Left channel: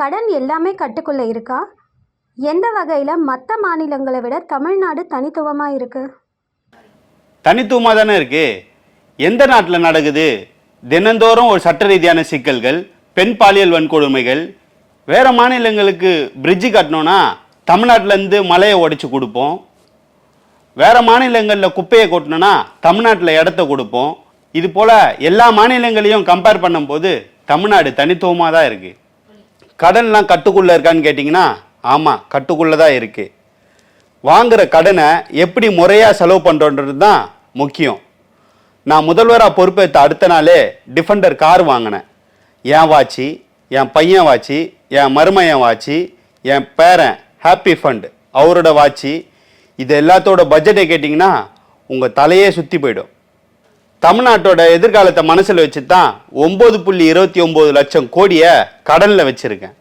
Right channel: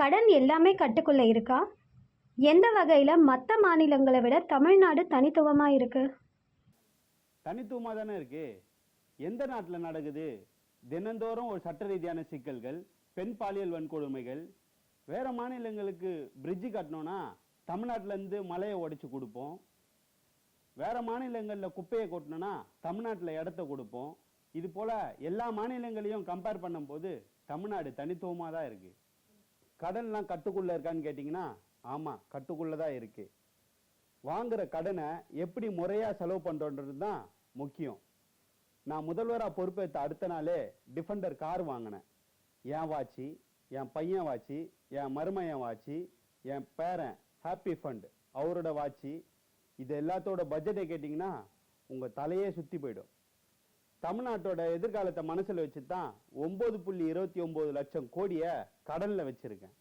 கடன் எல்லாமே கட்டுக்குள்ளே இருக்கா? எந்த வகையில் மற்ற மாநிலங்களை விட தமிழ்நாடு தனித்துவமாக இருக்கு? தனித்துவமாக தானே இருக்கு. எந்த நாட்டில் நடக்குது? தினந்தோறும் ஒரு சட்ட ரீதியான சிக்கல்கள், பெண் பாலியல் வன்கொடுமைகள். வேற மாநிலங்களுக்கு பிரிட்ஜு கட்டணும்னா தமிழ்நாட்டிலேருந்து மலையை உடைச்சு கொடுப்போம். வேற மாநிலங்களில் குப்பையை கொட்டணும்னா தமிழ்நாட்டில் இடத்த கொடுப்போம். இது போல எல்லா மாநிலங்களையும் கம்பேர் பண்ணும்போது தமிழ்நாடு தனித்துவமாக தான் இருக்கு. கடன்லாம் கட்டுக்குள்ளே இருக்கான்னு கேட்டிங்கன்னா ஆமாம், கட்டுக்குள்ளே தான் இருக்கு. வாங்குற கடனை எப்படி முறையாக செலவு பண்ணுறோன்றது தான் முக்கியம். நான் முதல்வராக பொறுப்பேற்ற அடுத்த நாளே டிஃபெண்டர் கார் வாங்கினேன். என் வாட்சி, என் பையன் வாட்சி, என் மருமையன் வாட்சி, என் பேரன் ஹாப்பி ஃபண்ட் அவரோட வாட்சி, இது எல்லாத்தோட பட்ஜெட்டை கேட்டிங்கன்னா உங்கள் தலையே சுற்றி போயிடும். தமிழ்நாட்டோட எதிர்காலத்தை மனசில் வச்சு தான் 9.29 லட்சம் கோடியை கடனில் வச்சுருக்கேன்.